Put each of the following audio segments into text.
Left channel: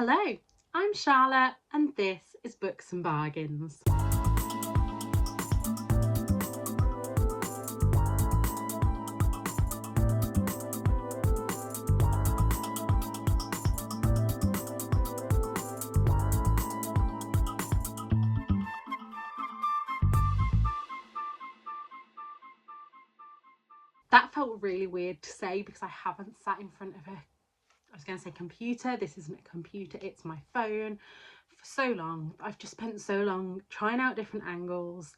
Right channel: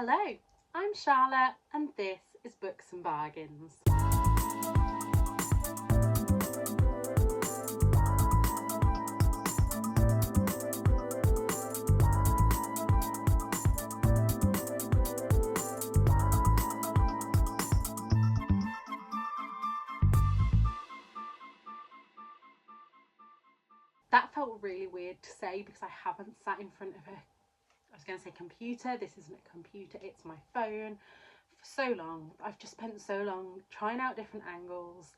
Hello, I'm Charlotte and this is Books and Bargains. That felt really weird to say because I haven't sat in front of I was going to say computer. This isn't a computer, it's my phone for so long. I've just spent so long trying out different angles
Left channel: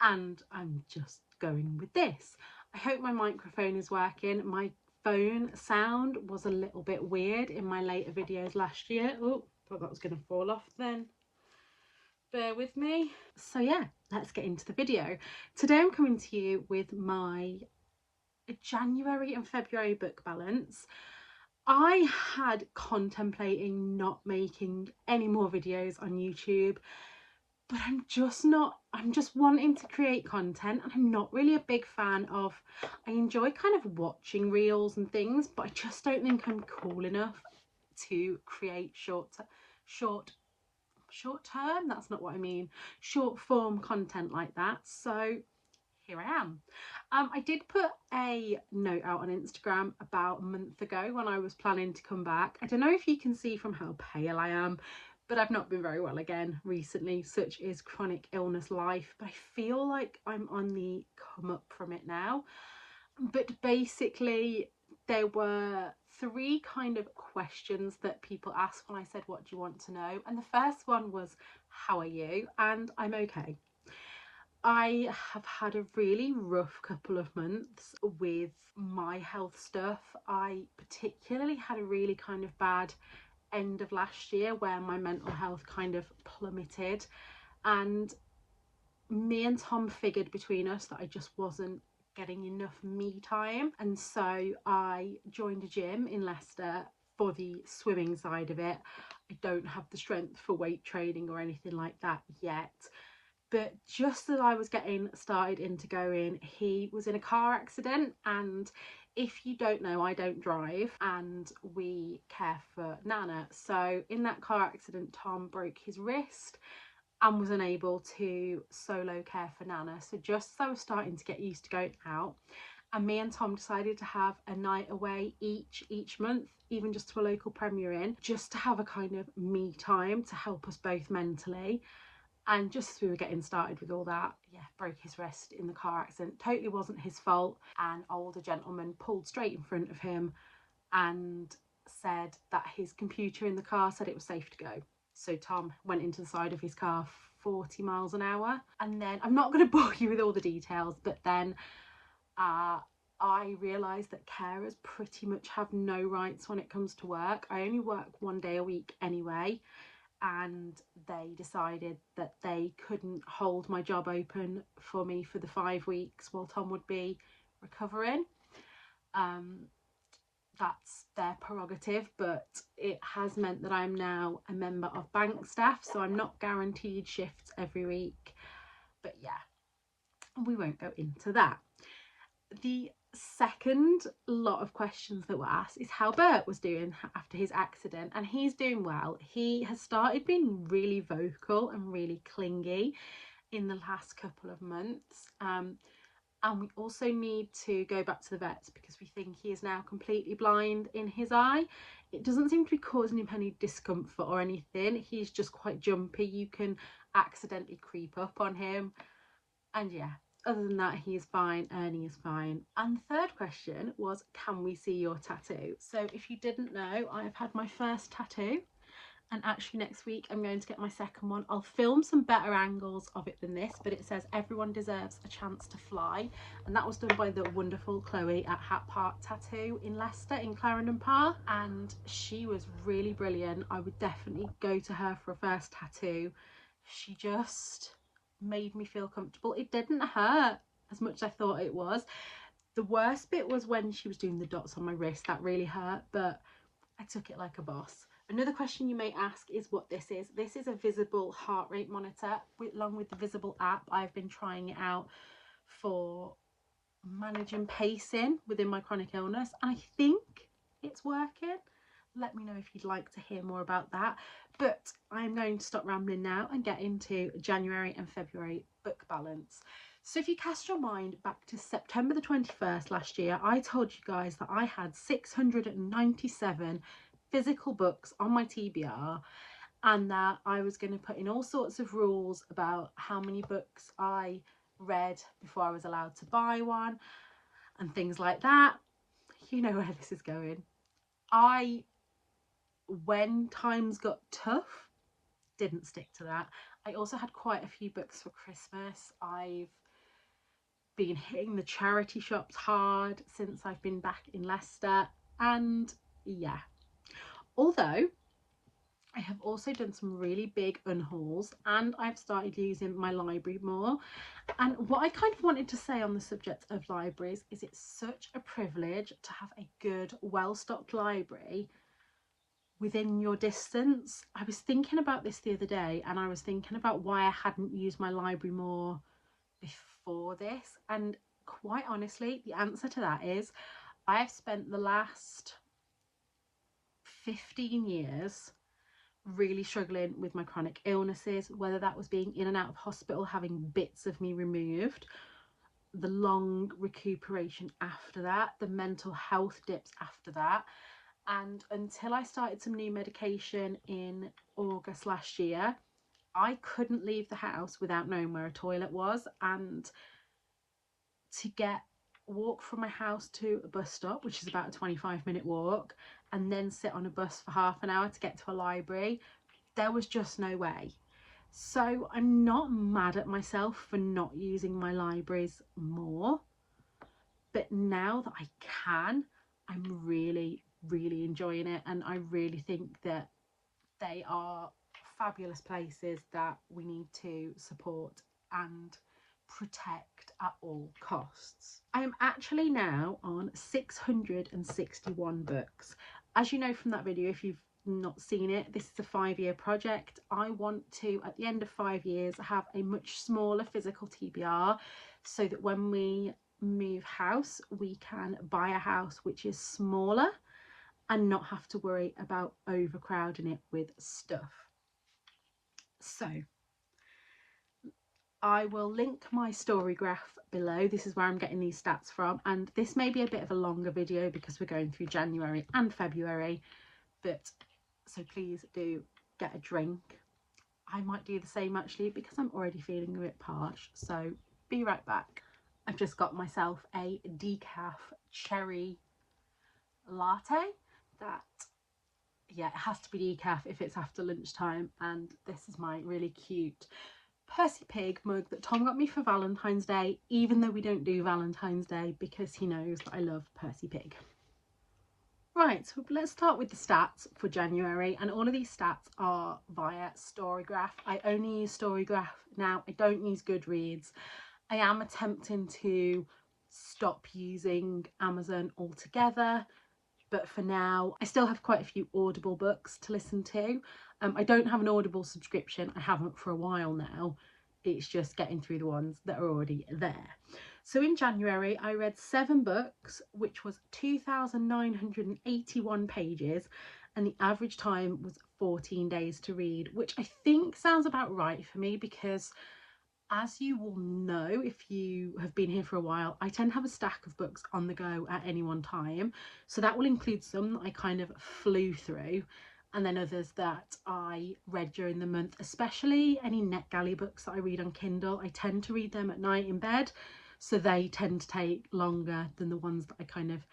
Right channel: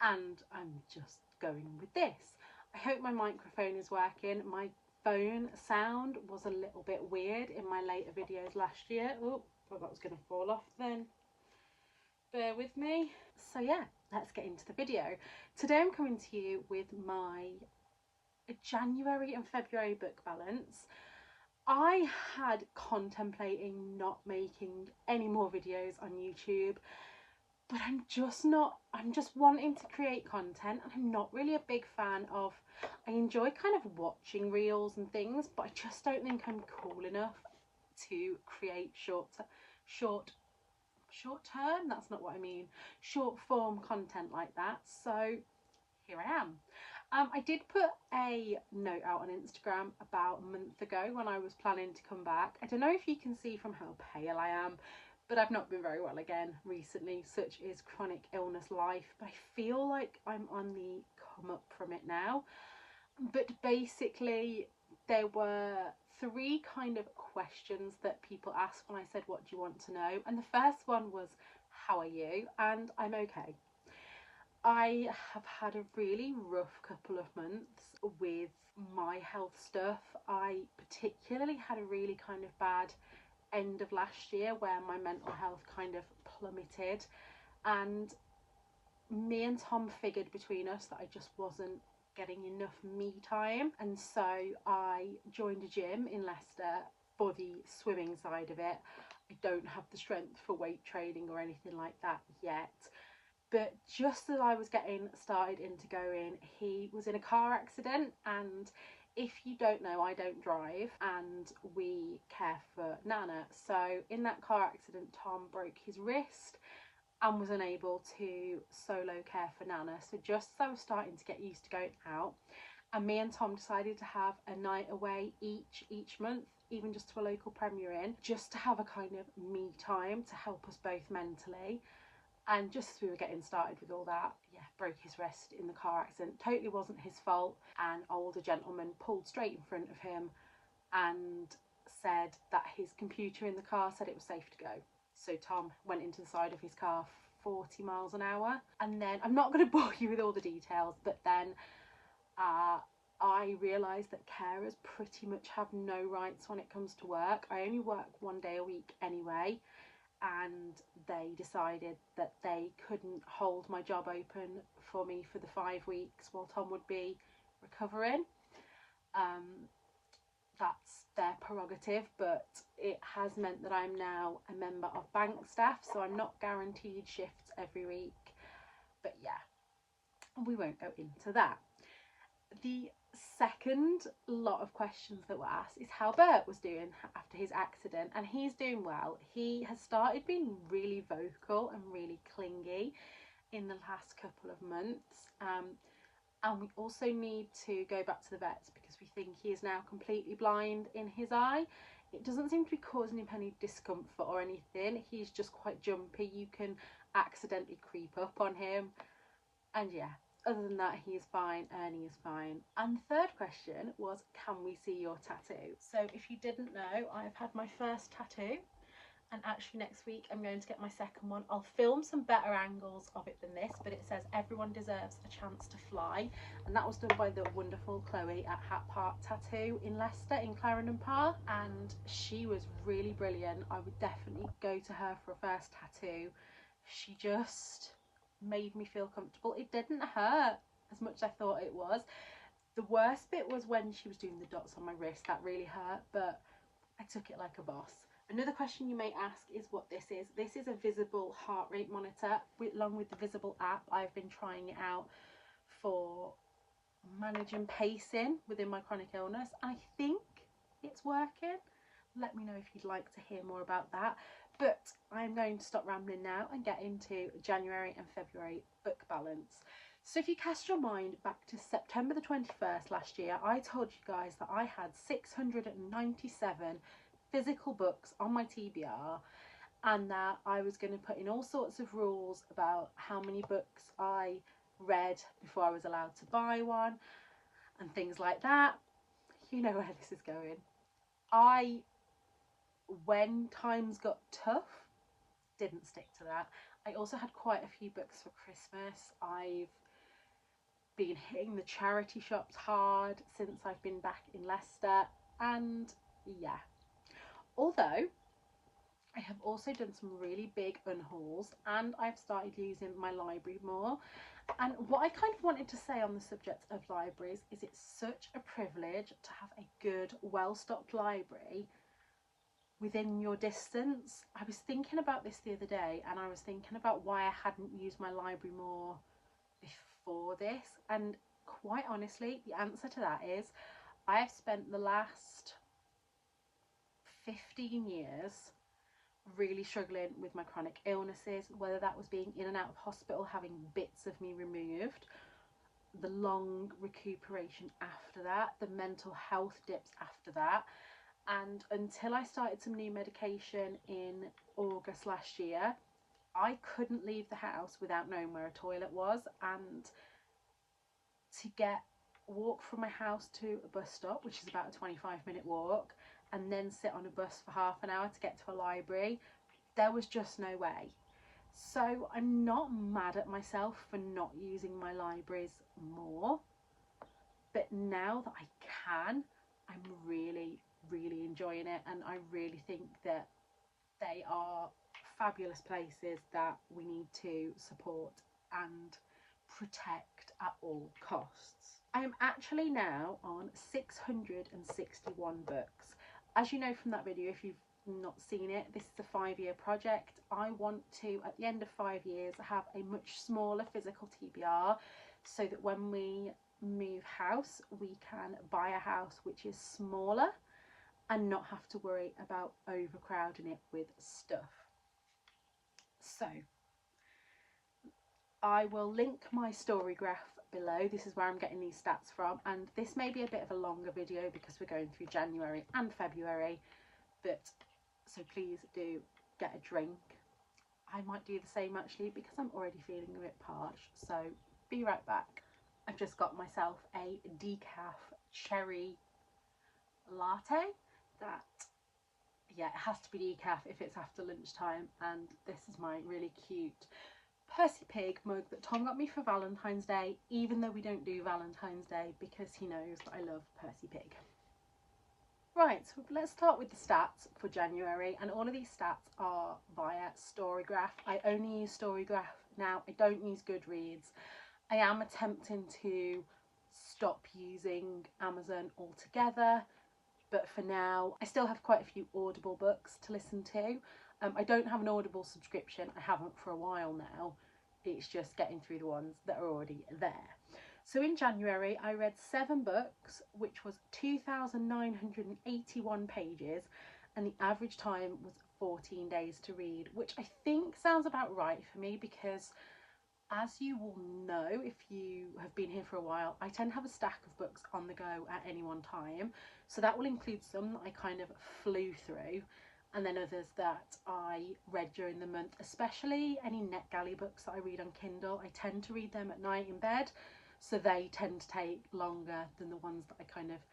and I'm just going with this. I hope my microphone is working. My phone sound was a little bit weird in my later videos last year. Oh, thought that was going to fall off then. Bear with me. So yeah, let's get into the video. Today I'm coming to you with my January and February book balance. I had contemplating not making any more videos on YouTube, but I'm just wanting to create content, and I'm not really a big fan of, I enjoy kind of watching reels and things, but I just don't think I'm cool enough to create short term, that's not what I mean, short form content like that. So here I am. I did put a note out on Instagram about a month ago when I was planning to come back. I don't know if you can see from how pale I am, but I've not been very well again recently. Such is chronic illness life, but I feel like I'm on the come up from it now. But basically there were three kind of questions that people asked when I said, what do you want to know? And the first one was, how are you? And I'm okay. I have had a really rough couple of months with my health stuff. I particularly had a really kind of bad end of last year where my mental health kind of plummeted, and me and Tom figured between us that I just wasn't getting enough me time, and so I joined a gym in Leicester for the swimming side of it. I don't have the strength for weight training or anything like that yet. But just as I was getting started into going, he was in a car accident, and if you don't know, I don't drive and we care for Nana. So in that car accident, Tom broke his wrist and was unable to solo care for Nana. So just as I was starting to get used to going out, and me and Tom decided to have a night away each month, even just to a local Premier Inn, just to have a kind of me time to help us both mentally. And just as we were getting started with all that, yeah, broke his wrist in the car accident. Totally wasn't his fault. An older gentleman pulled straight in front of him and said that his computer in the car said it was safe to go. So Tom went into the side of his car 40 miles an hour. And then, I'm not going to bore you with all the details, but then I realised that carers pretty much have no rights when it comes to work. I only work 1 day a week anyway, and they decided that they couldn't hold my job open for me for the 5 weeks while Tom would be recovering. That's their prerogative, but it has meant that I'm now a member of bank staff, so I'm not guaranteed shifts every week. But yeah, we won't go into that. The second lot of questions that were asked is how Bert was doing after his accident, and he's doing well. He has started being really vocal and really clingy in the last couple of months, and we also need to go back to the vets because we think he is now completely blind in his eye. It doesn't seem to be causing him any discomfort or anything. He's just quite jumpy. You can accidentally creep up on him, and yeah, other than that, he is fine. Ernie is fine. And the third question was, can we see your tattoo? So if you didn't know, I have had my first tattoo, and actually next week I'm going to get my second one. I'll film some better angles of it than this, but it says everyone deserves a chance to fly, and that was done by the wonderful Chloe at Hat Park Tattoo in Leicester in Clarendon Park, and she was really brilliant. I would definitely go to her for a first tattoo. She just made me feel comfortable. It didn't hurt as much as I thought it was. The worst bit was when she was doing the dots on my wrist. That really hurt, but I took it like a boss. Another question you may ask is what this is. This is a visible heart rate monitor along with the Visible app. I've been trying it out for managing pacing within my chronic illness. I think it's working. Let me know if you'd like to hear more about that. But I'm going to stop rambling now and get into January and February book balance. So if you cast your mind back to September the 21st last year, I told you guys that I had 697 physical books on my TBR, and that I was going to put in all sorts of rules about how many books I read before I was allowed to buy one and things like that. You know where this is going. When times got tough, didn't stick to that. I also had quite a few books for Christmas. I've been hitting the charity shops hard since I've been back in Leicester, and yeah. Although I have also done some really big unhauls, and I've started using my library more. And what I kind of wanted to say on the subject of libraries is it's such a privilege to have a good, well-stocked library within your distance. I was thinking about this the other day, and I was thinking about why I hadn't used my library more before this, and quite honestly the answer to that is I have spent the last 15 years really struggling with my chronic illnesses, whether that was being in and out of hospital, having bits of me removed, the long recuperation after that, the mental health dips after that. And until I started some new medication in August last year, I couldn't leave the house without knowing where a toilet was. And to walk from my house to a bus stop, which is about a 25-minute walk, and then sit on a bus for half an hour to get to a library, there was just no way. So I'm not mad at myself for not using my libraries more, but now that I can, I'm really enjoying it, and I really think that they are fabulous places that we need to support and protect at all costs. I am actually now on 661 books. As you know from that video, if you've not seen it, this is a 5-year project. I want to, at the end of 5 years, have a much smaller physical TBR, so that when we move house, we can buy a house which is smaller and not have to worry about overcrowding it with stuff. So I will link my story graph below. This is where I'm getting these stats from, and this may be a bit of a longer video because we're going through January and February, but so please do get a drink. I might do the same actually because I'm already feeling a bit parched, so be right back. I've just got myself a decaf cherry latte. That, yeah, it has to be decaf if it's after lunchtime, and this is my really cute Percy Pig mug that Tom got me for Valentine's Day, even though we don't do Valentine's Day, because he knows that I love Percy Pig. Right, so let's start with the stats for January, and all of these stats are via Storygraph. I only use Storygraph now. I don't use Goodreads. I am attempting to stop using Amazon altogether, but for now I still have quite a few Audible books to listen to. I don't have an Audible subscription. I haven't for a while now. It's just getting through the ones that are already there. So in January I read 7 books, which was 2,981 pages, and the average time was 14 days to read, which I think sounds about right for me, because as you will know if you have been here for a while, I tend to have a stack of books on the go at any one time. So that will include some that I kind of flew through, and then others that I read during the month, especially any NetGalley books that I read on Kindle. I tend to read them at night in bed, so they tend to take longer than the ones that I kind of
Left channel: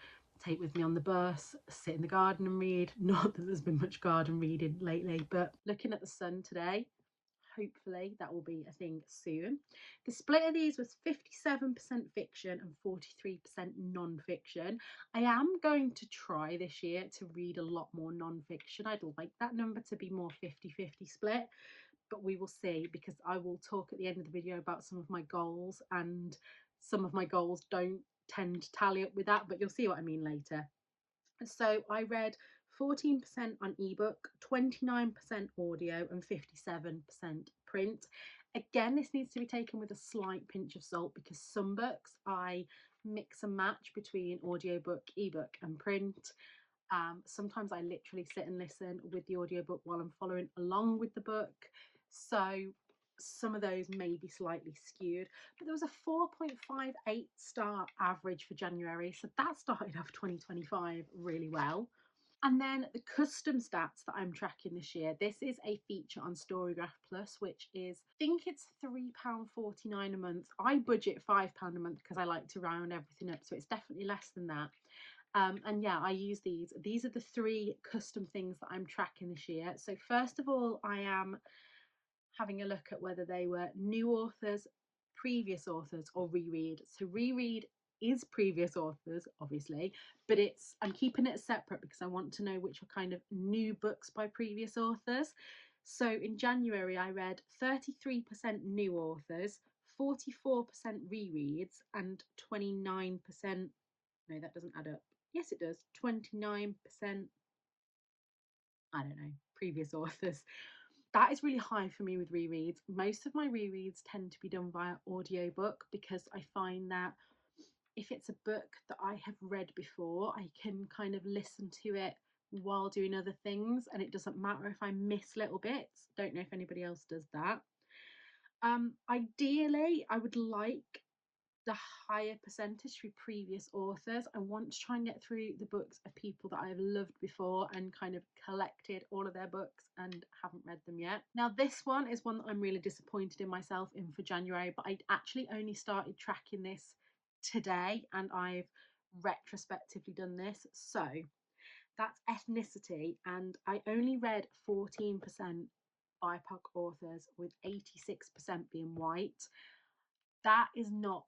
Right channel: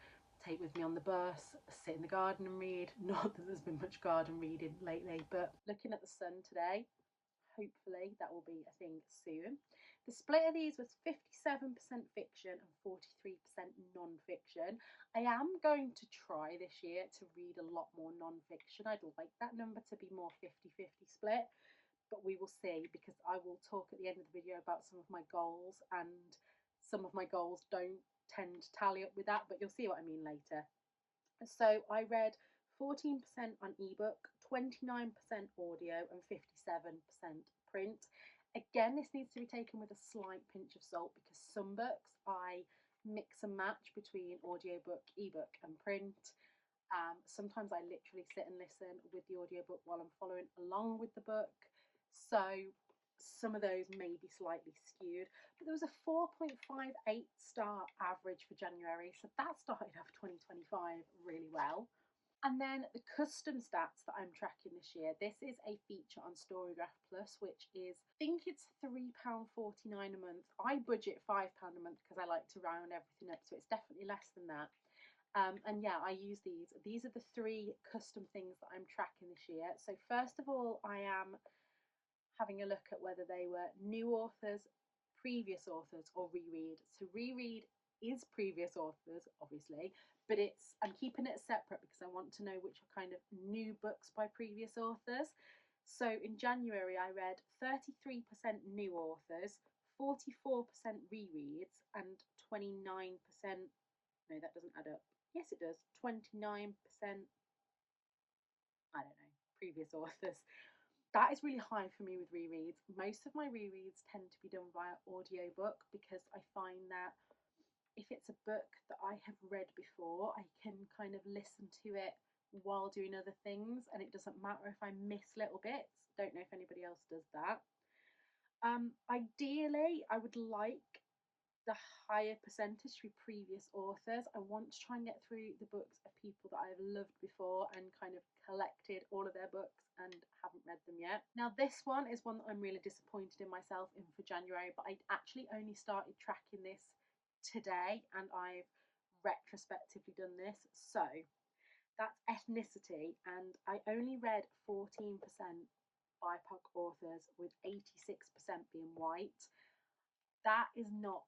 take with me on the bus, sit in the garden and read. Not that there's been much garden reading lately, but looking at the sun today, hopefully that will be a thing soon. The split of these was 57% fiction and 43% non-fiction. I am going to try this year to read a lot more non-fiction. I'd like that number to be more 50-50 split, but we will see, because I will talk at the end of the video about some of my goals, and some of my goals don't tend to tally up with that, but you'll see what I mean later. So I read 14% on ebook, 29% audio, and 57% print. Again, this needs to be taken with a slight pinch of salt, because some books I mix and match between audiobook, ebook, and print. Sometimes I literally sit and listen with the audiobook while I'm following along with the book. So some of those may be slightly skewed, but there was a 4.58 star average for January. So that started off 2025 really well. And then the custom stats that I'm tracking this year, this is a feature on Storygraph Plus, which is, I think it's £3.49 a month. I budget £5 a month because I like to round everything up. So it's definitely less than that. And yeah, I use these. These are the 3 custom things that I'm tracking this year. So first of all, I am having a look at whether they were new authors, previous authors, or reread. So reread is previous authors, obviously, but I'm keeping it separate because I want to know which are kind of new books by previous authors. So in January, I read 33% new authors, 44% rereads, and 29%. No, that doesn't add up. Yes, it does. 29%, I don't know, previous authors. That is really high for me with rereads. Most of my rereads tend to be done via audiobook because I find that if it's a book that I have read before, I can kind of listen to it while doing other things, and it doesn't matter if I miss little bits. Don't know if anybody else does that. Ideally, I would like the higher percentage through previous authors. I want to try and get through the books of people that I've loved before and kind of collected all of their books and haven't read them yet. Now, this one is one that I'm really disappointed in myself in for January, but I actually only started tracking this today and I've retrospectively done this. So that's ethnicity, and I only read 14% BIPOC authors, with 86% being white. That is not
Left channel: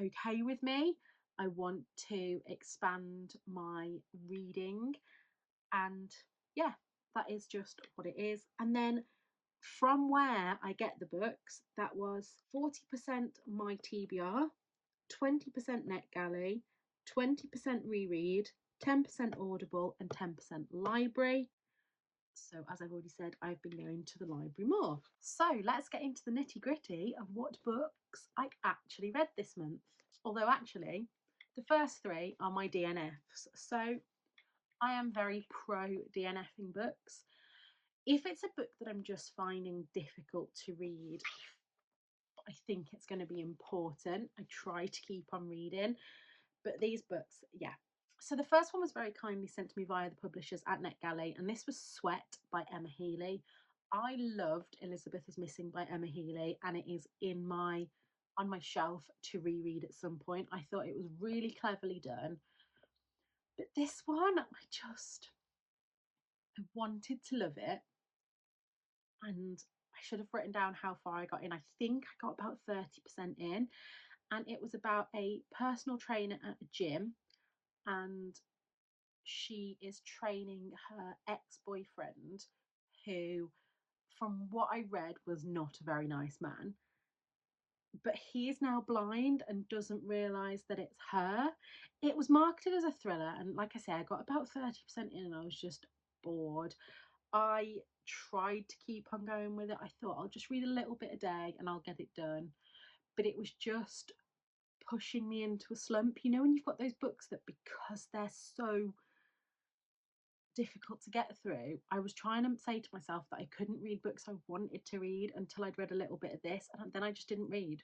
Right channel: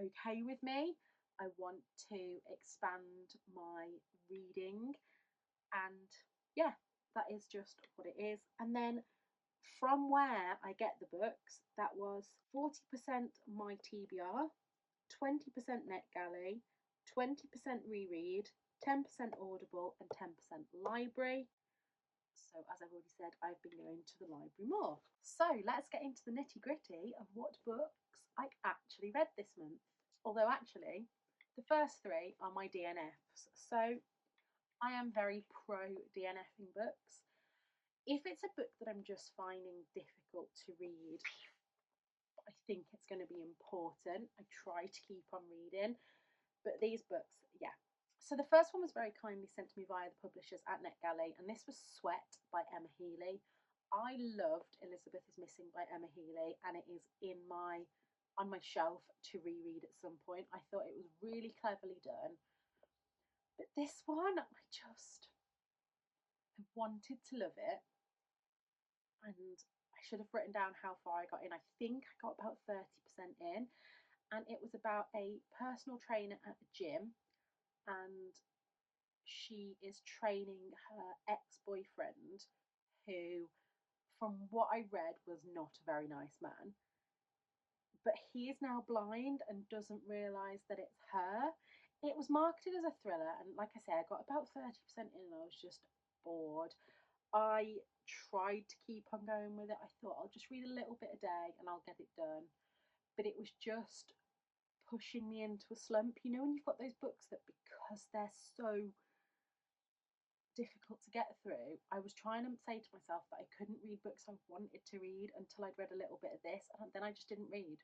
okay with me. I want to expand my reading, and yeah, that is just what it is. And then from where I get the books, that was 40% my TBR, 20% NetGalley, 20% reread, 10% Audible, and 10% library. So as I've already said, I've been going to the library more. So let's get into the nitty gritty of what books I actually read this month. Although actually, the first 3 are my DNFs. So I am very pro DNFing books. If it's a book that I'm just finding difficult to read, I think it's going to be important, I try to keep on reading. But these books, yeah. So the first one was very kindly sent to me via the publishers at NetGalley, and this was Sweat by Emma Healy. I loved Elizabeth is Missing by Emma Healy, and it is on my shelf to reread at some point. I thought it was really cleverly done. But this one, I wanted to love it, and I should have written down how far I got in. I think I got about 30% in, and it was about a personal trainer at a gym, and she is training her ex-boyfriend, who, from what I read, was not a very nice man. But he is now blind and doesn't realise that it's her. It was marketed as a thriller, and like I say, I got about 30% in and I was just bored. I tried to keep on going with it. I thought I'll just read a little bit a day and I'll get it done. But it was just pushing me into a slump. You know, when you've got those books that, because they're so difficult to get through, I was trying to say to myself that I couldn't read books I wanted to read until I'd read a little bit of this, and then I just didn't read.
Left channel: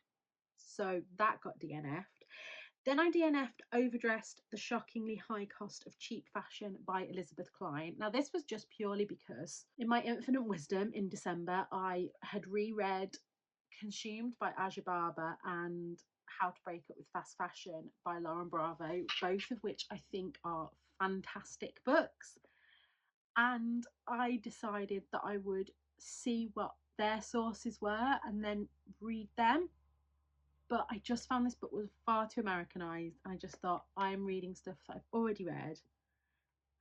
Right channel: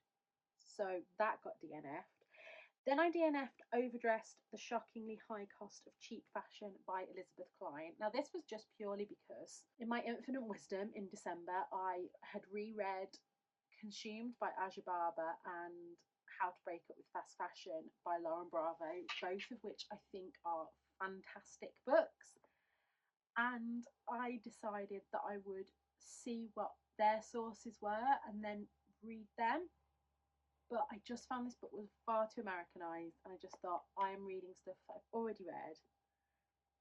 So that got DNF'd. Then I DNF'd Overdressed, The Shockingly High Cost of Cheap Fashion by Elizabeth Klein. Now, this was just purely because, in my infinite wisdom, in December, I had reread Consumed by Aja Barber and How to Break Up with Fast Fashion by Lauren Bravo, both of which I think are fantastic books. And I decided that I would see what their sources were and then read them. But I just found this book was far too Americanized, and I just thought, I am reading stuff that I've already read,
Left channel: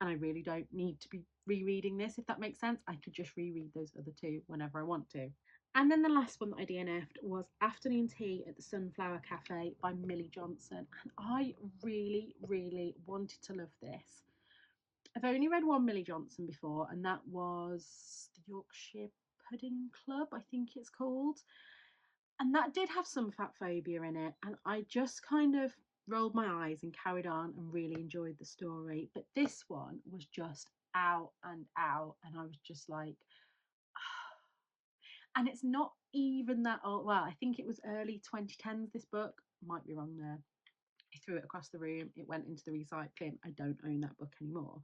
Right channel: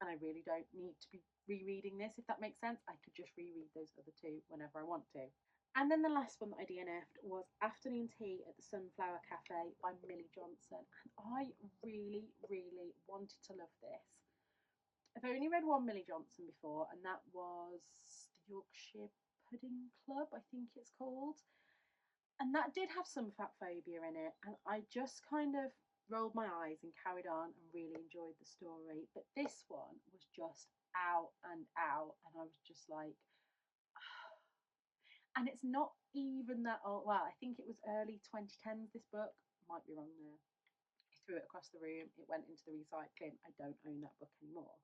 and I really don't need to be rereading this, if that makes sense. I could just reread those other 2 whenever I want to. And then the last one that I DNF'd was Afternoon Tea at the Sunflower Cafe by Millie Johnson, and I really, really wanted to love this. I've only read one Millie Johnson before, and that was the Yorkshire Pudding Club, I think it's called. And that did have some fat phobia in it, and I just kind of rolled my eyes and carried on and really enjoyed the story. But this one was just out and out, and I was just like, and it's not even that old. Well, I think it was early 2010s. This book might be wrong there. I threw it across the room. It went into the recycling. I don't own that book anymore.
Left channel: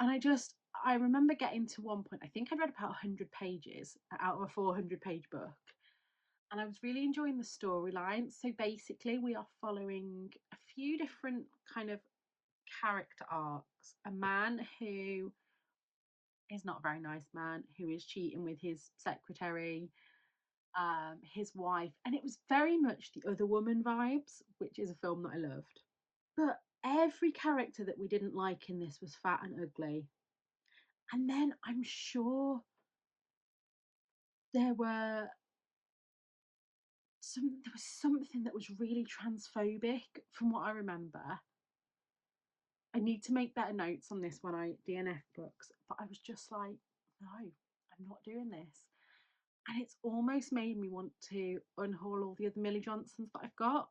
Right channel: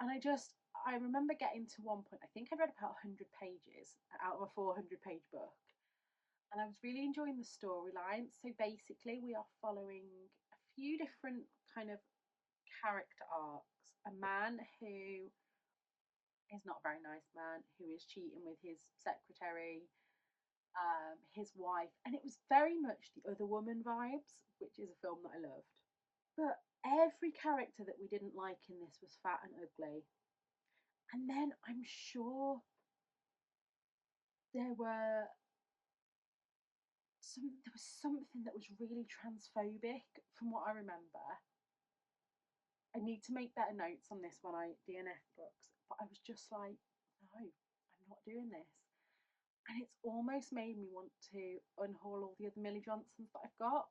And I remember getting to one point. I think I'd read about 100 pages out of a 400-page book, and I was really enjoying the storyline. So basically, we are following a few different kind of character arcs. A man who is not a very nice man, who is cheating with his secretary, his wife, and it was very much the Other Woman vibes, which is a film that I loved. But every character that we didn't like in this was fat and ugly. And then I'm sure there were there was something that was really transphobic from what I remember. I need to make better notes on this when I DNF books, but I was just like, no, I'm not doing this. And it's almost made me want to unhaul all the other Millie Johnsons that I've got.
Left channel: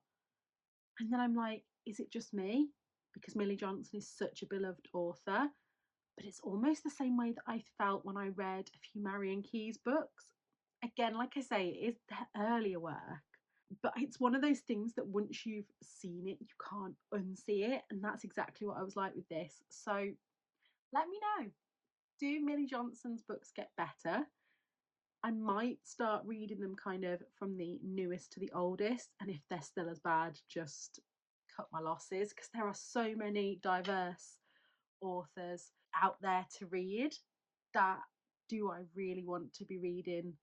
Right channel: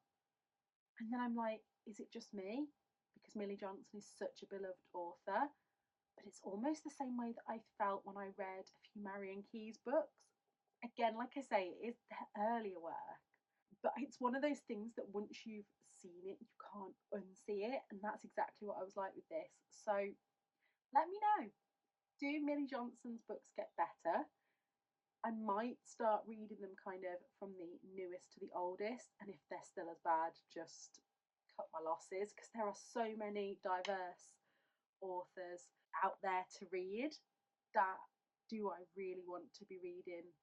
And then I'm like, is it just me? Because Millie Johnson is such a beloved author. But it's almost the same way that I felt when I read a few Marion Keyes books. Again, like I say, it is their earlier work. But it's one of those things that once you've seen it, you can't unsee it. And that's exactly what I was like with this. So let me know. Do Millie Johnson's books get better? I might start reading them kind of from the newest to the oldest. And if they're still as bad, just cut my losses, because there are so many diverse authors out there to read that do I really want to be reading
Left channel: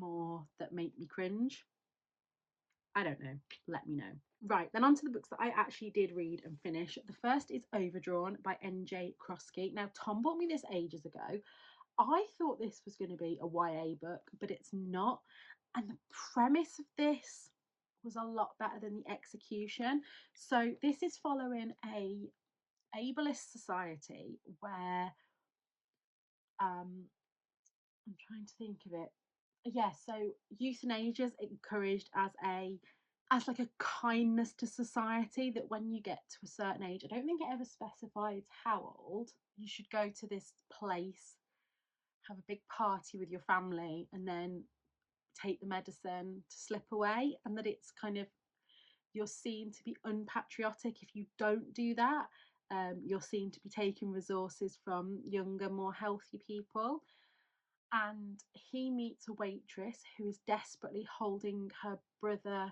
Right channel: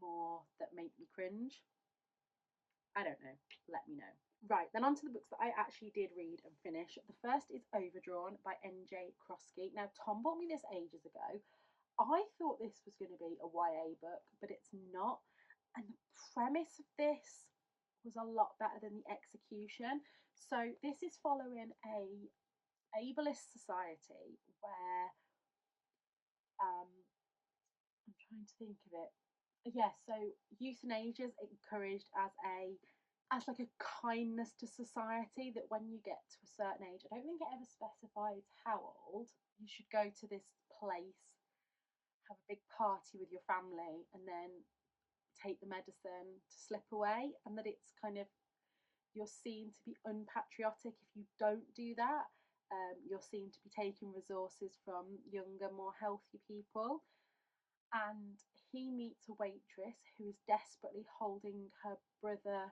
more that make me cringe? I don't know. Let me know. Right, then on to the books that I actually did read and finish. The first is Overdrawn by N.J. Krosky. Now, Tom bought me this ages ago. I thought this was going to be a YA book, but it's not. And the premise of this was a lot better than the execution. So this is following a ableist society where I'm trying to think of it. Yeah, so euthanasia is encouraged as like a kindness to society, that when you get to a certain age, I don't think it ever specifies how old, you should go to this place, have a big party with your family, and then take the medicine to slip away, and that it's kind of, you're seen to be unpatriotic if you don't do that. You're seen to be taking resources from younger, more healthy people. And he meets a waitress who is desperately holding her brother.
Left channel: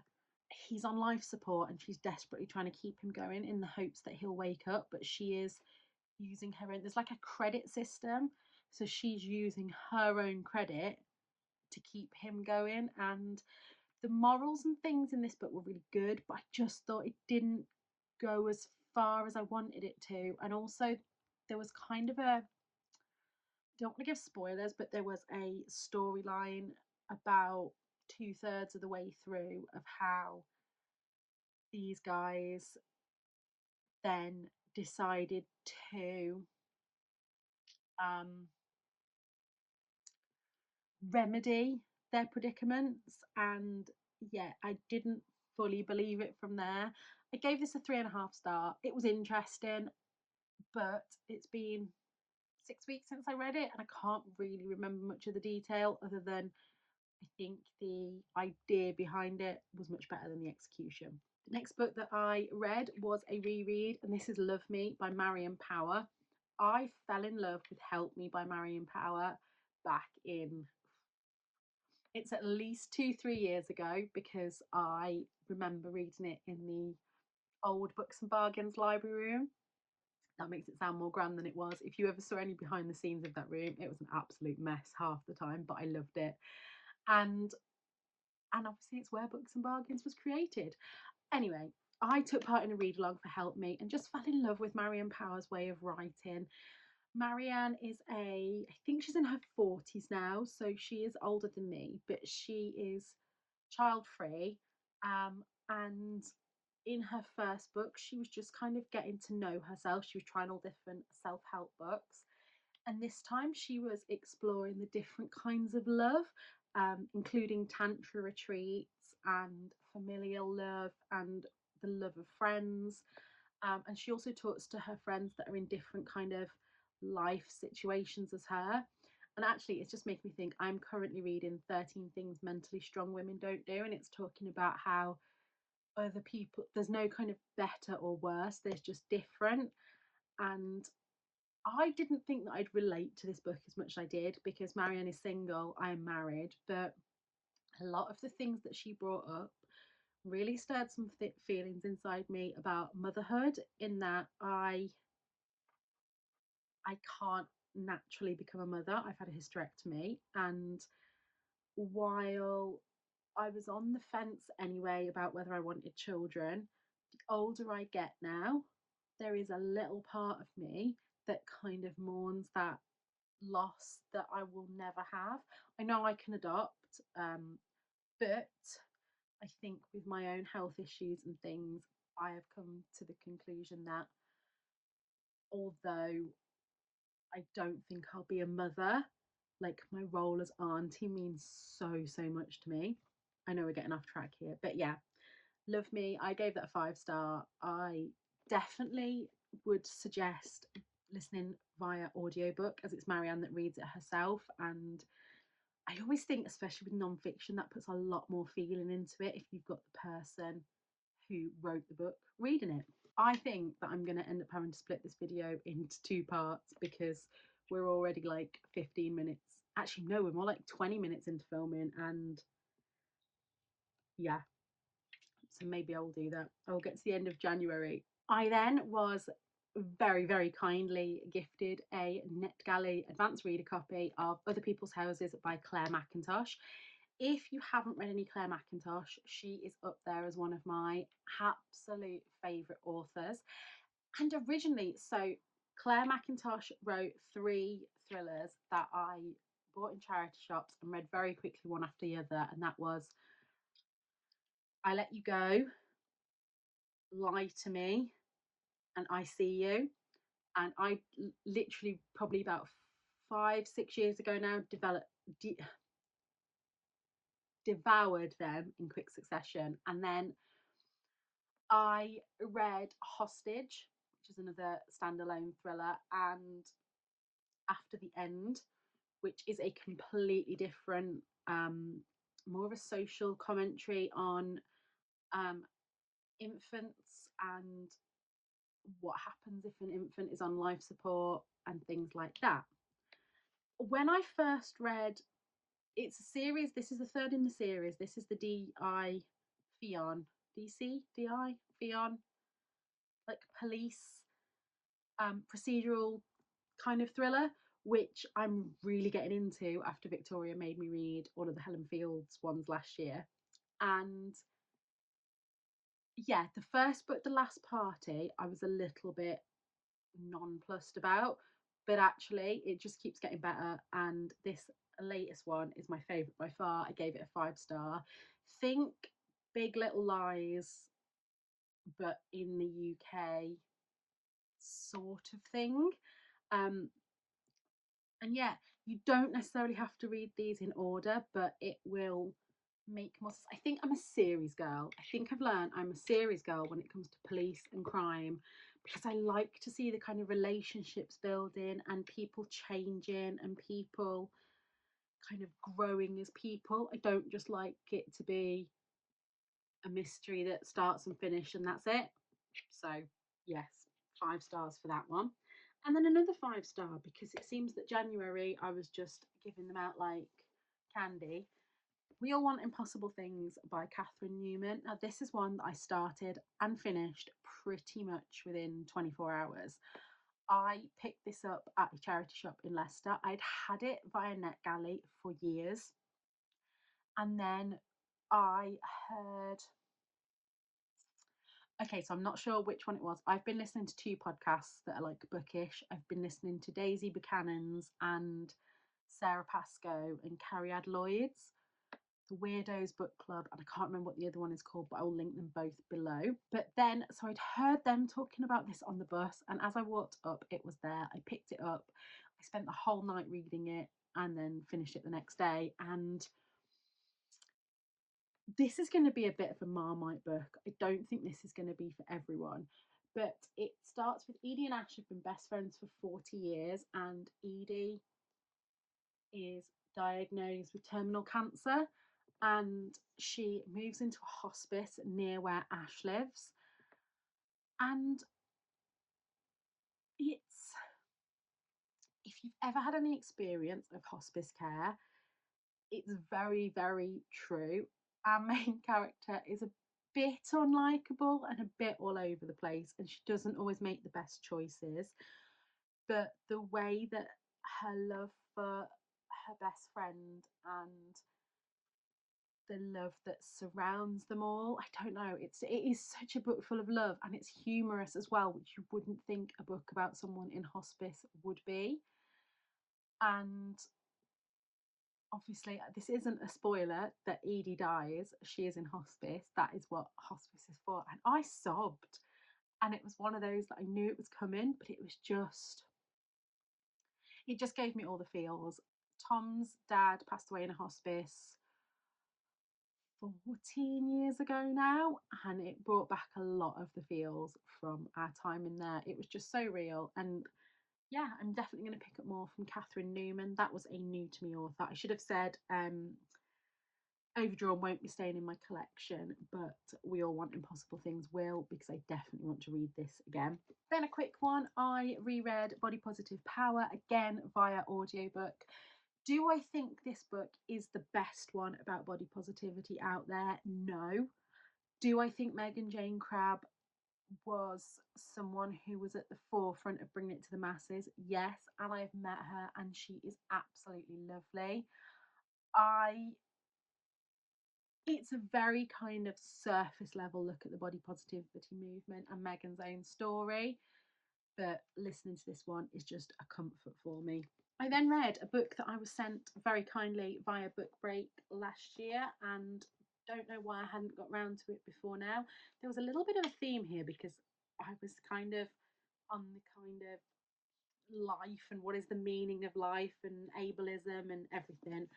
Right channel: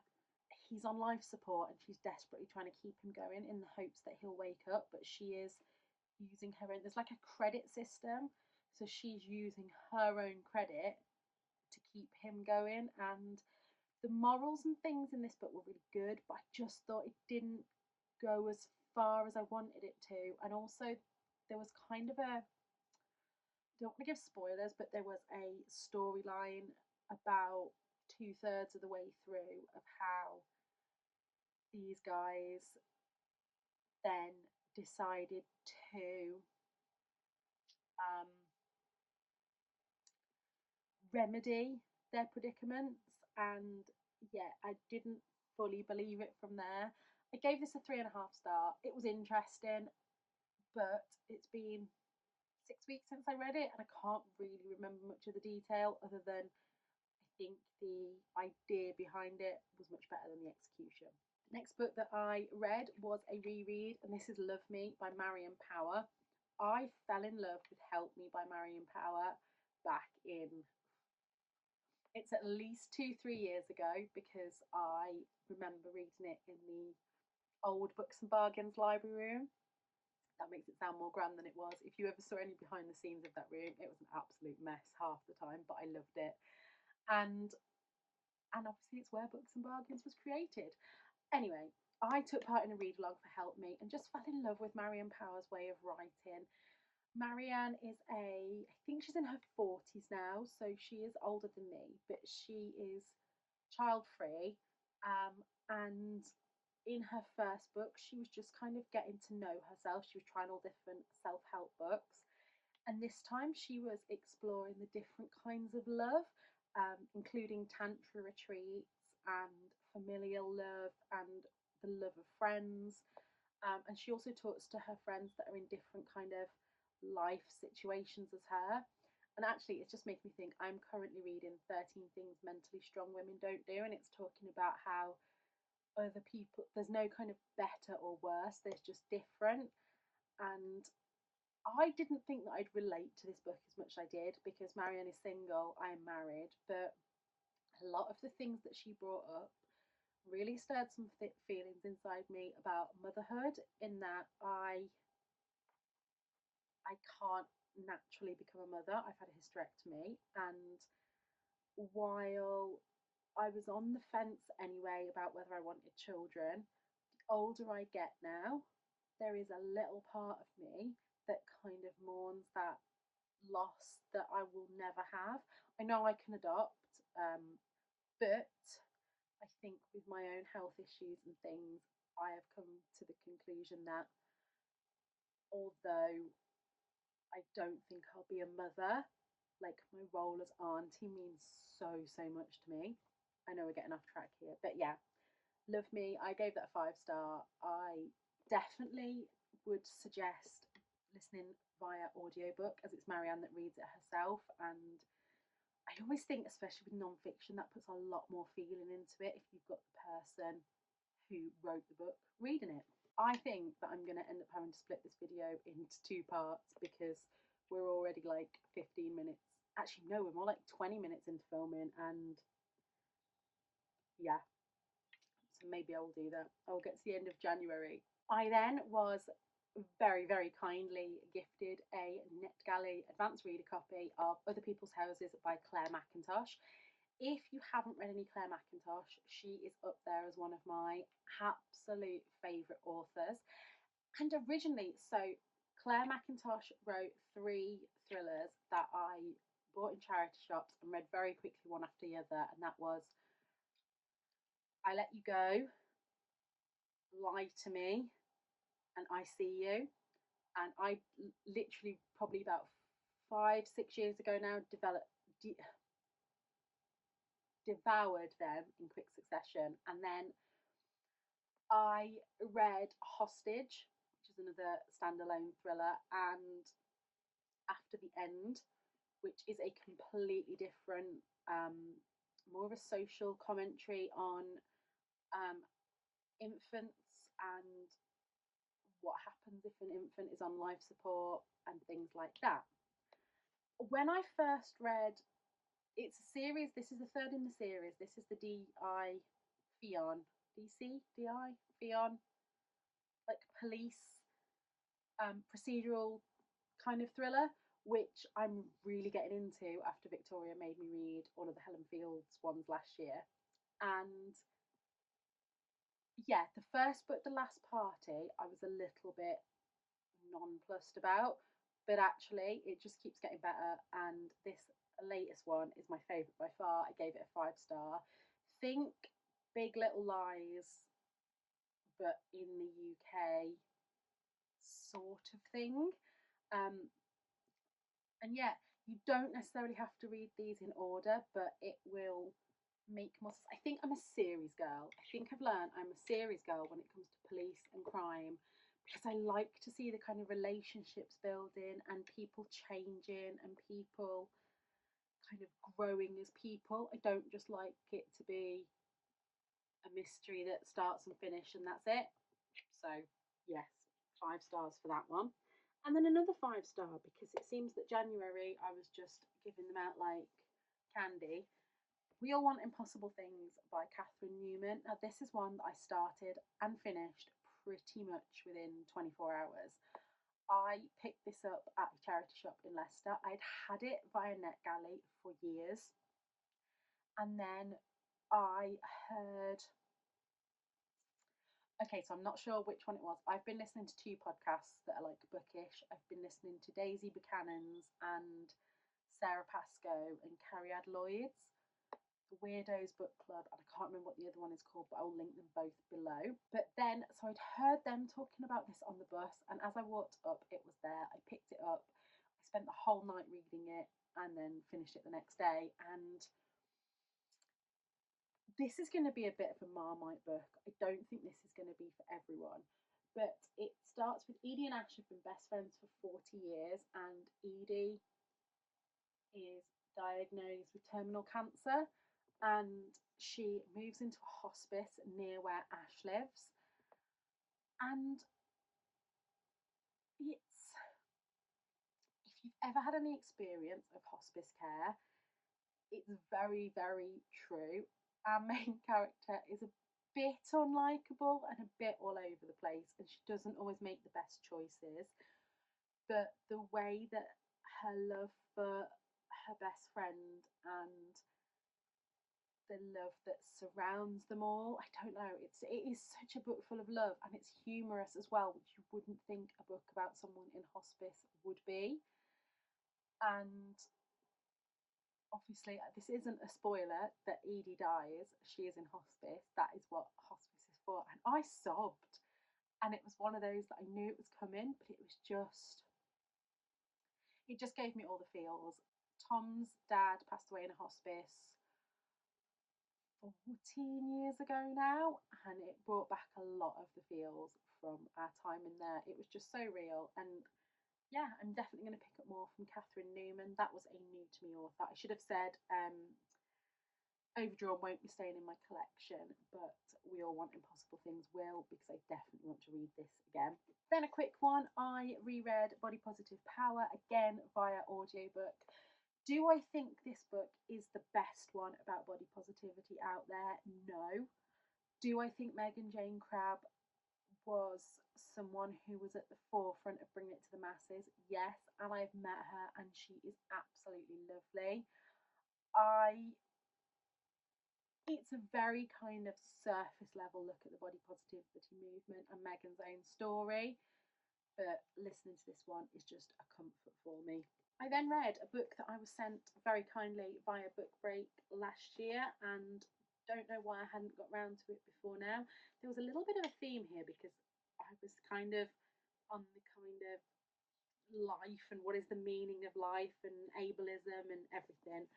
He's on life support and she's desperately trying to keep him going in the hopes that he'll wake up, but she is using her own, there's like a credit system, so she's using her own credit to keep him going. And the morals and things in this book were really good, but I just thought it didn't go as far as I wanted it to. And also there was kind of a, don't want to give spoilers, but there was a storyline about 2/3 of the way through of how these guys then decided to um, remedy their predicaments. And yeah, I didn't fully believe it from there. I gave this a 3.5 star. It was interesting, but it's been 6 weeks since I read it, and I can't really remember much of the detail other than I think the idea behind it was much better than the execution. The next book that I read was a reread, and this is Love Me by Marion Power. I fell in love with Help Me by Marion Power back in, it's at least 2-3 years ago, because I remember reading it in the old Books and Bargains library room. That makes it sound more grand than it was. If you ever saw any behind the scenes of that room, it was an absolute mess half the time, but I loved it. And obviously it's where Books and Bargains was created. Anyway, I took part in a read along for Help Me and just fell in love with Marianne Power's way of writing. Marianne is I think she's in her 40s now, so she is older than me, but she is child free. And in her first book, she was just kind of getting to know herself. She was trying all different self help books. And this time she was exploring the different kinds of love, including tantra retreats and familial love and the love of friends. And she also talks to her friends that are in different kind of life situations as her. And actually, it's just making me think I'm currently reading 13 Things Mentally Strong Women Don't Do. And it's talking about how other people, there's no kind of better or worse, there's just different. And I didn't think that I'd relate to this book as much as I did because Marianne is single, I'm married, but a lot of the things that she brought up really stirred some feelings inside me about motherhood, in that I can't naturally become a mother. I've had a hysterectomy, and while I was on the fence anyway about whether I wanted children, the older I get now, there is a little part of me that kind of mourns that loss that I will never have. I know I can adopt, but I think with my own health issues and things, I have come to the conclusion that although I don't think I'll be a mother, like my role as auntie means so, so much to me. I know we're getting off track here, but yeah, love me. I gave that a 5 star. I definitely would suggest listening via audiobook, as it's Marianne that reads it herself. And I always think, especially with non-fiction, that puts a lot more feeling into it if you've got the person who wrote the book reading it. I think that I'm going to end up having to split this video into 2 parts because we're already like 15 minutes. Actually, no, we're more like 20 minutes into filming, and yeah, so maybe I will do that. I will get to the end of January. I then was very, very kindly gifted a NetGalley advanced reader copy of Other People's Houses by Claire Mackintosh. If you haven't read any Claire Mackintosh, she is up there as one of my absolute favourite authors. And originally, so Claire Mackintosh wrote 3 thrillers that I bought in charity shops and read very quickly one after the other. And that was I Let You Go, Lie to Me, and I See You. And I literally, probably about 5, 6 years ago now, devoured them in quick succession. And then I read Hostage, which is another standalone thriller, and After the End, which is a completely different, more of a social commentary on infants and what happens if an infant is on life support and things like that. When I first read, it's a series, this is the third in the series, this is the DI Fion, DC, DI Fion, like police procedural kind of thriller, which I'm really getting into after Victoria made me read all of the Helen Fields ones last year. And yeah, the first book, The Last Party, I was a little bit nonplussed about, but actually it just keeps getting better. And this latest one is my favourite by far. I gave it a 5 star. Think Big Little Lies, but in the UK sort of thing. Um, and yeah, you don't necessarily have to read these in order, but it will make more sense. I think I'm a series girl. I think I've learned I'm a series girl when it comes to police and crime, because I like to see the kind of relationships building and people changing and people kind of growing as people. I don't just like it to be a mystery that starts and finishes and that's it. So yes, 5 stars for that one. And then another 5 star because it seems that January I was just giving them out like candy. We All Want Impossible Things by Catherine Newman. Now this is one that I started and finished pretty much within 24 hours. I picked this up at a charity shop in Leicester. I'd had it via NetGalley for years. And then I heard, okay, so I'm not sure which one it was. I've been listening to 2 podcasts that are like bookish. I've been listening to Daisy Buchanan's and Sarah Pascoe and Carrie Lloyd's, the Weirdos Book Club, and I can't remember what the other one is called, but I will link them both below. But then, so I'd heard them talking about this on the bus, and as I walked up, it was there. I picked it up. I spent the whole night reading it and then finished it the next day. And This is going to be a bit of a Marmite book. I don't think this is going to be for everyone. But it starts with Edie and Ash have been best friends for 40 years, and Edie is diagnosed with terminal cancer, and she moves into a hospice near where Ash lives. And it's, if you've ever had any experience of hospice care, it's very, very true. Our main character is a bit unlikable and a bit all over the place, and she doesn't always make the best choices. But the way that her love for her best friend and the love that surrounds them all, I don't know, it is such a book full of love, and it's humorous as well, which you wouldn't think a book about someone in hospice would be. And obviously, this isn't a spoiler that Edie dies. She is in hospice. That is what hospice is for. And I sobbed. And it was one of those that I knew it was coming, but it just gave me all the feels. Tom's dad passed away in a hospice 14 years ago now, and it brought back a lot of the feels from our time in there. It was just so real. And yeah, I'm definitely going to pick up more from Catherine Newman. That was a new to me author. I should have said Overdrawn won't be staying in my collection, but We All Want Impossible Things will, because I definitely want to read this again. Then a quick one, I reread Body Positive Power again via audiobook. Do I think this book is the best one about body positivity out there? No. Do I think Megan Jane Crabbe was someone who was at the forefront of bringing it to the masses? Yes, and I've met her and she is absolutely lovely. I It's a very kind of surface level look at the body positivity movement and Megan's own story, but listening to this one is just a comfort for me. I then read a book that I was sent very kindly via Book Break last year, and don't know why I hadn't got round to it before now. There was a little bit of a theme here because I was kind of on the kind of life and what is the meaning of life and ableism and everything.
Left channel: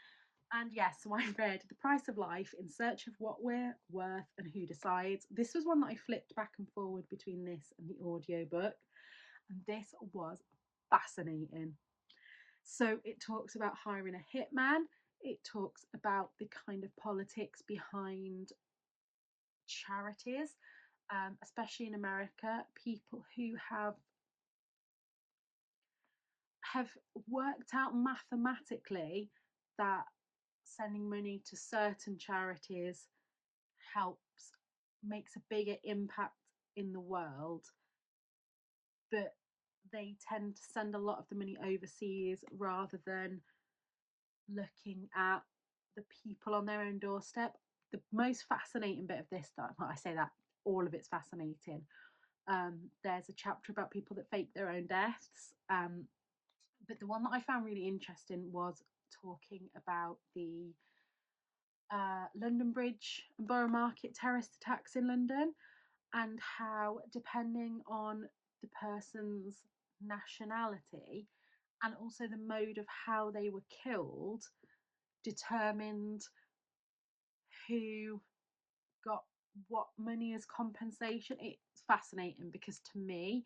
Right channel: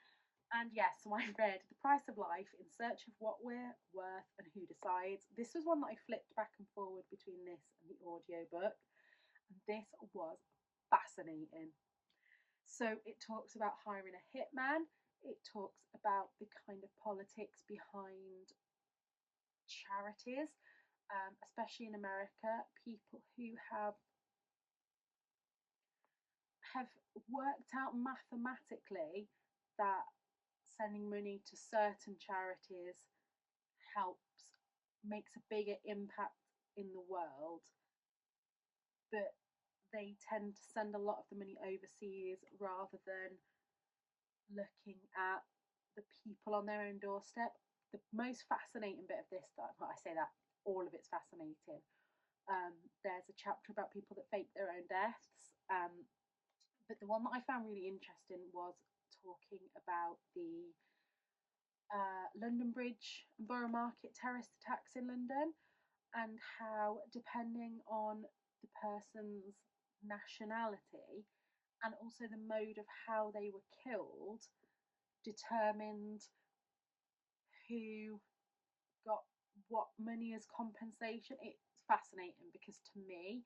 And yes, so I read The Price of Life, In Search of What We're Worth and Who Decides. This was one that I flipped back and forward between this and the audiobook, and this was fascinating. So it talks about hiring a hitman, it talks about the kind of politics behind charities, especially in America, people who have worked out mathematically that sending money to certain charities helps, makes a bigger impact in the world, but they tend to send a lot of the money overseas rather than looking at the people on their own doorstep. The most fascinating bit of this, that I say that all of it's fascinating. There's a chapter about people that fake their own deaths, but the one that I found really interesting was talking about the London Bridge and Borough Market terrorist attacks in London, and how, depending on the person's nationality and also the mode of how they were killed, determined who got what money as compensation. It's fascinating because to me,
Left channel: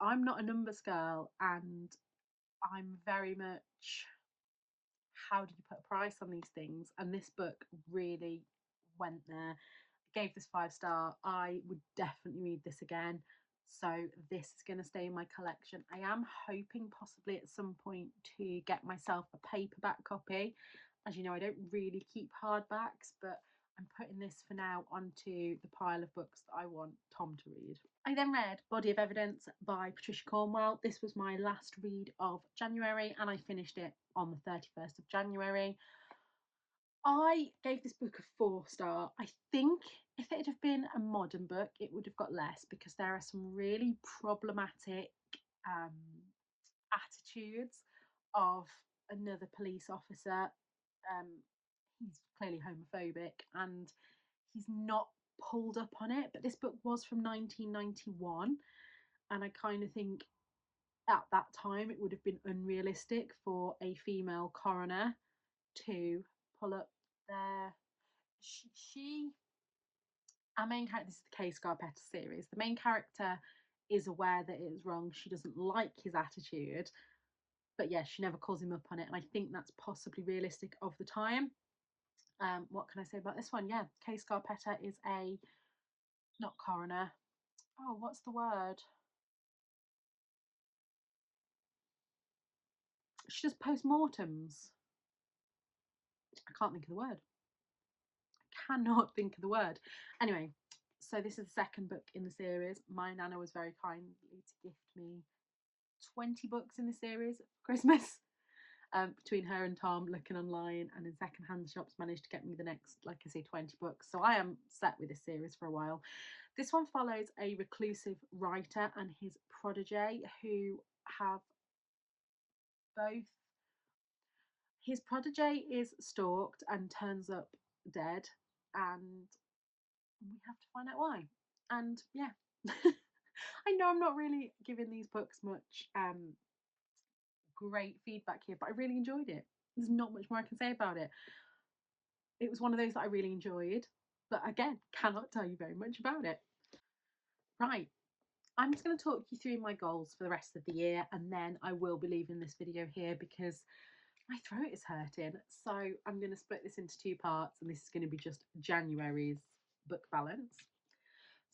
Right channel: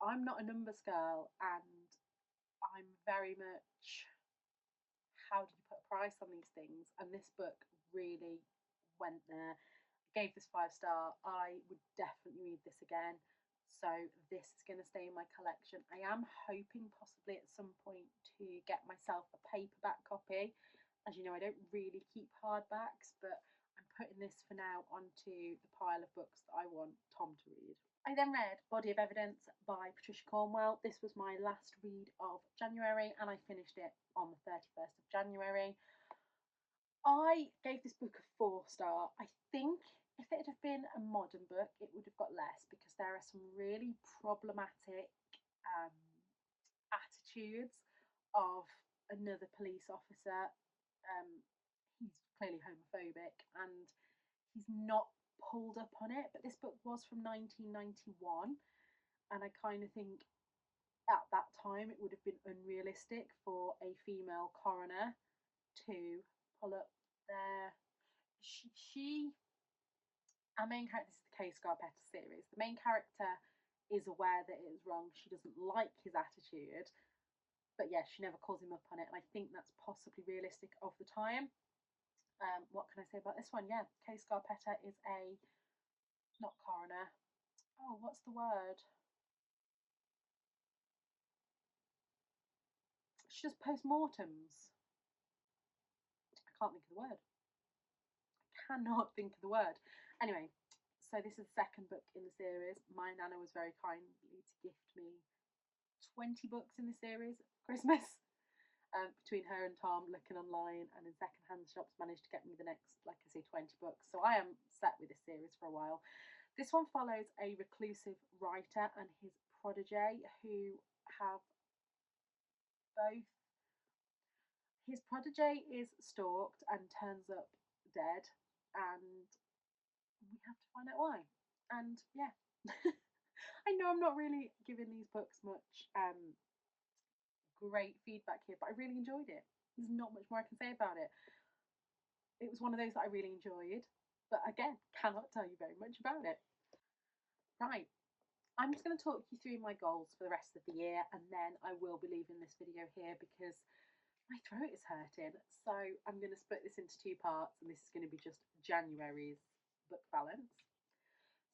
I'm not a numbers girl, and I'm very much, how do you put a price on these things? And this book really went there. Gave this 5 star. I would definitely read this again. So this is going to stay in my collection. I am hoping possibly at some point to get myself a paperback copy. As you know, I don't really keep hardbacks, but I'm putting this for now onto the pile of books that I want Tom to read. I then read Body of Evidence by Patricia Cornwell. This was my last read of January, and I finished it on the 31st of January. I gave this book a 4 star. I think if it had been a modern book, it would have got less because there are some really problematic um, attitudes of another police officer. He's clearly homophobic and he's not pulled up on it, but this book was from 1991, and I kind of think at that time it would have been unrealistic for a female coroner to pull up their our main character, this is the Kay Scarpetta series. The main character is aware that it is wrong. She doesn't like his attitude, but yeah, she never calls him up on it. And I think that's possibly realistic of the time. What can I say about this one? Yeah, Kay Scarpetta is a, not coroner. Oh, what's the word? She does postmortems. I can't think of the word. I cannot think of the word. Anyway, so this is the second book in the series. My nana was very kindly to gift me 20 books in the series for Christmas. Between her and Tom, looking online and in secondhand shops, managed to get me the next, like I say, 20 books. So I am set with this series for a while. This one follows a reclusive writer and his protege who have both. His protege is stalked and turns up dead, and we have to find out why. And yeah, I know I'm not really giving these books much great feedback here, but I really enjoyed it. There's not much more I can say about it. It was one of those that I really enjoyed, but again, cannot tell you very much about it. Right, I'm just going to talk you through my goals for the rest of the year, and then I will be leaving this video here because my throat is hurting. So I'm going to split this into two parts, and this is going to be just January's book balance.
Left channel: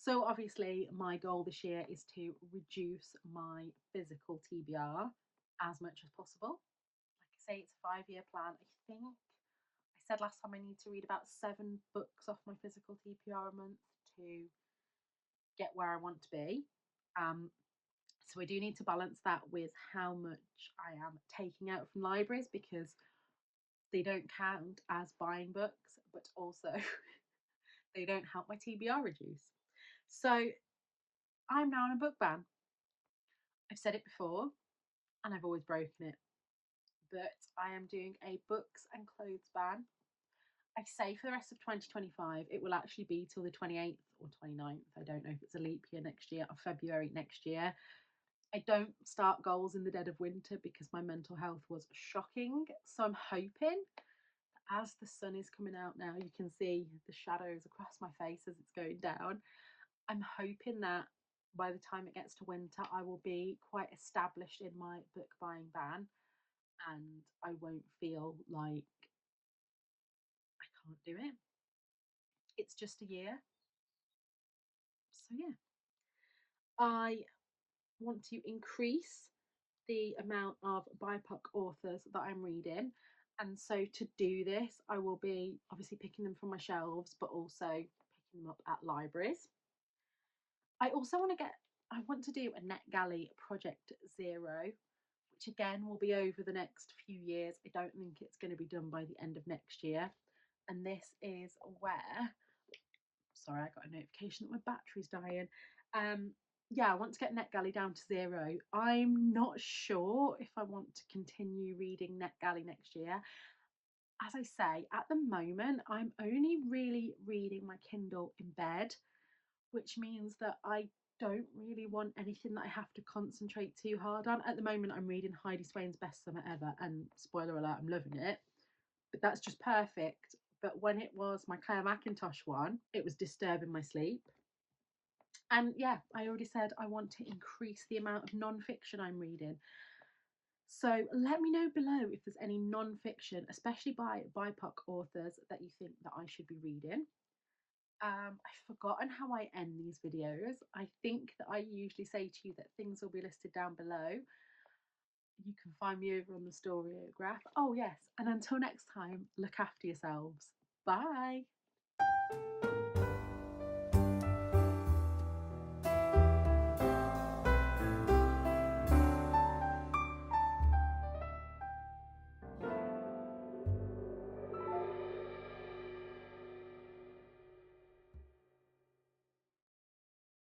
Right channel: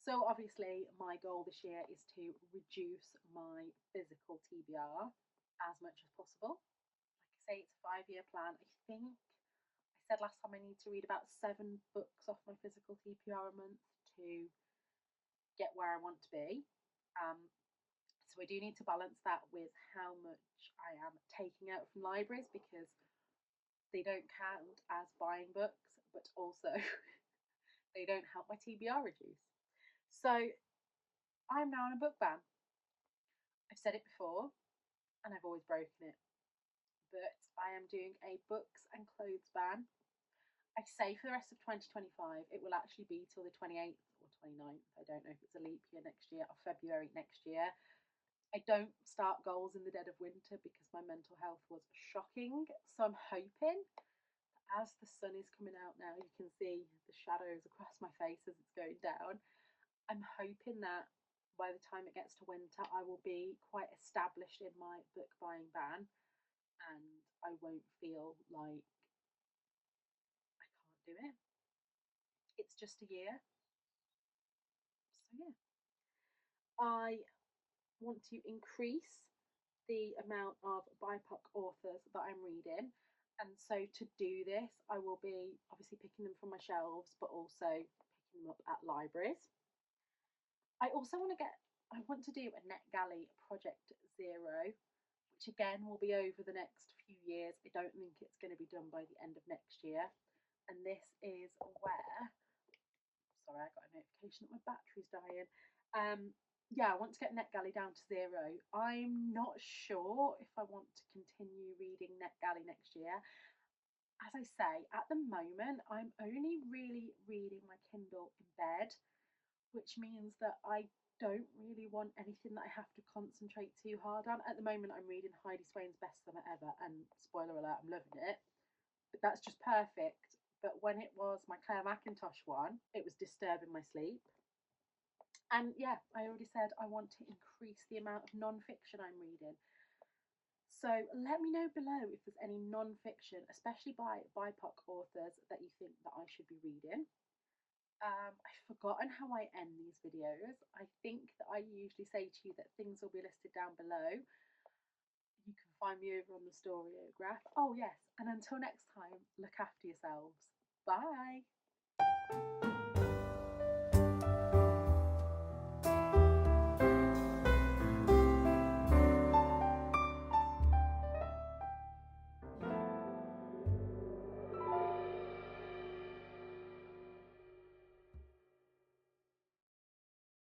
So obviously my goal this year is to reduce my physical TBR as much as possible. Like I say, it's a 5-year plan. I think I said last time I need to read about 7 books off my physical TBR a month to get where I want to be. So I do need to balance that with how much I am taking out from libraries, because they don't count as buying books, but also they don't help my TBR reduce. So I'm now on a book ban. I've said it before and I've always broken it, but I am doing a books and clothes ban. I say for the rest of 2025, it will actually be till the 28th or 29th. I don't know if it's a leap year next year or February next year. I don't start goals in the dead of winter because my mental health was shocking. So I'm hoping that as the sun is coming out now, you can see the shadows across my face as it's going down. I'm hoping that by the time it gets to winter, I will be quite established in my book buying ban and I won't feel like I can't do it. It's just a year. So yeah, I want to increase the amount of BIPOC authors that I'm reading. And so to do this, I will be obviously picking them from my shelves, but also picking them up at libraries. I also I want to do a NetGalley Project Zero, which again will be over the next few years. I don't think it's going to be done by the end of next year. And this is where, sorry, I got a notification that my battery's dying. Yeah, I want to get NetGalley down to 0. I'm not sure if I want to continue reading NetGalley next year. As I say, at the moment, I'm only really reading my Kindle in bed, which means that I don't really want anything that I have to concentrate too hard on. At the moment, I'm reading Heidi Swain's Best Summer Ever, and spoiler alert, I'm loving it. But that's just perfect. But when it was my Claire McIntosh one, it was disturbing my sleep. And yeah, I already said I want to increase the amount of non-fiction I'm reading. So let me know below if there's any non-fiction, especially by BIPOC authors, that you think that I should be reading. I've forgotten how I end these videos. I think that I usually say to you that things will be listed down below. You can find me over on the Storyograph. Oh yes, and until next time, look after yourselves. Bye.